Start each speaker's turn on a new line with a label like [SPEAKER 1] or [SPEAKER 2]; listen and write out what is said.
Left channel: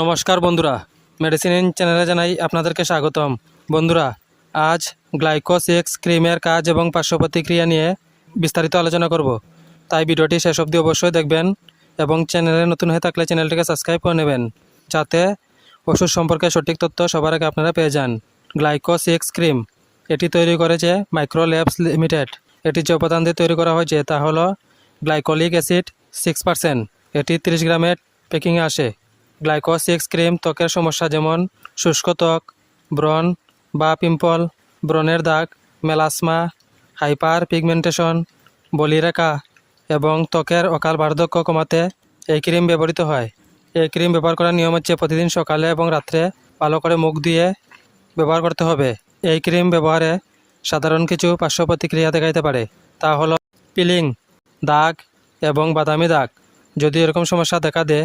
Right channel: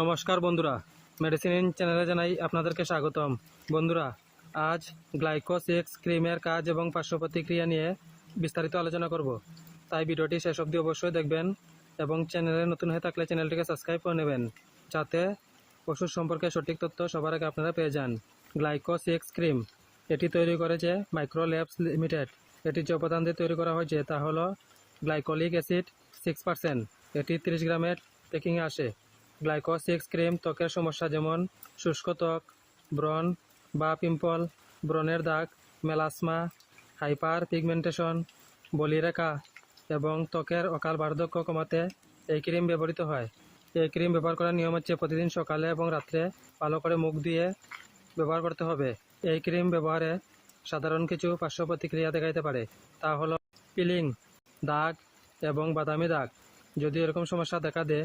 [SPEAKER 1] নমস্কার বন্ধুরা। মেডিসিন চ্যানেলে জানাই আপনাদেরকে স্বাগতম। বন্ধুরা, আজ গ্লাইকোসিক্স ক্রিমের কাজ এবং পার্শ্ব প্রতিক্রিয়া নিয়ে বিস্তারিত আলোচনা করব। তাই ভিডিওটি শেষ অবধি অবশ্যই দেখবেন এবং চ্যানেলে নতুন হয়ে থাকলে চ্যানেলটিকে সাবস্ক্রাইব করে নেবেন, যাতে ওষুধ সম্পর্কে সঠিক তথ্য সবার আগে আপনারা পেয়ে যান। গ্লাইকোসিক্স ক্রিম এটি তৈরি করেছে মাইক্রো ল্যাবস লিমিটেড এটি যে উপাদান দিয়ে তৈরি করা হয়েছে তা হলো গ্লাইকোলিক অ্যাসিড সিক্স পার্সেন্ট এটি তিরিশ গ্রামের প্যাকিংয়ে আসে। গ্লাইকোসিক্স, ক্রিম, ত্বকের সমস্যা যেমন শুষ্ক ত্বক, ব্রণ, বা পিম্পল, ব্রণের দাগ, মেলাসমা হাইপার পিগমেন্টেশন বলিরেখা এবং ত্বকের অকাল বার্ধক্য কমাতে এই ক্রিম ব্যবহৃত হয়। এই ক্রিম ব্যবহার করার নিয়ম হচ্ছে প্রতিদিন সকালে এবং রাত্রে ভালো করে মুখ দিয়ে ব্যবহার করতে হবে। এই ক্রিম ব্যবহারে সাধারণ কিছু পার্শ্ব প্রতিক্রিয়া দেখাইতে পারে। তা হলো পিলিং, দাগ এবং বাদামি দাগ। যদি এরকম সমস্যা দেখা দেয়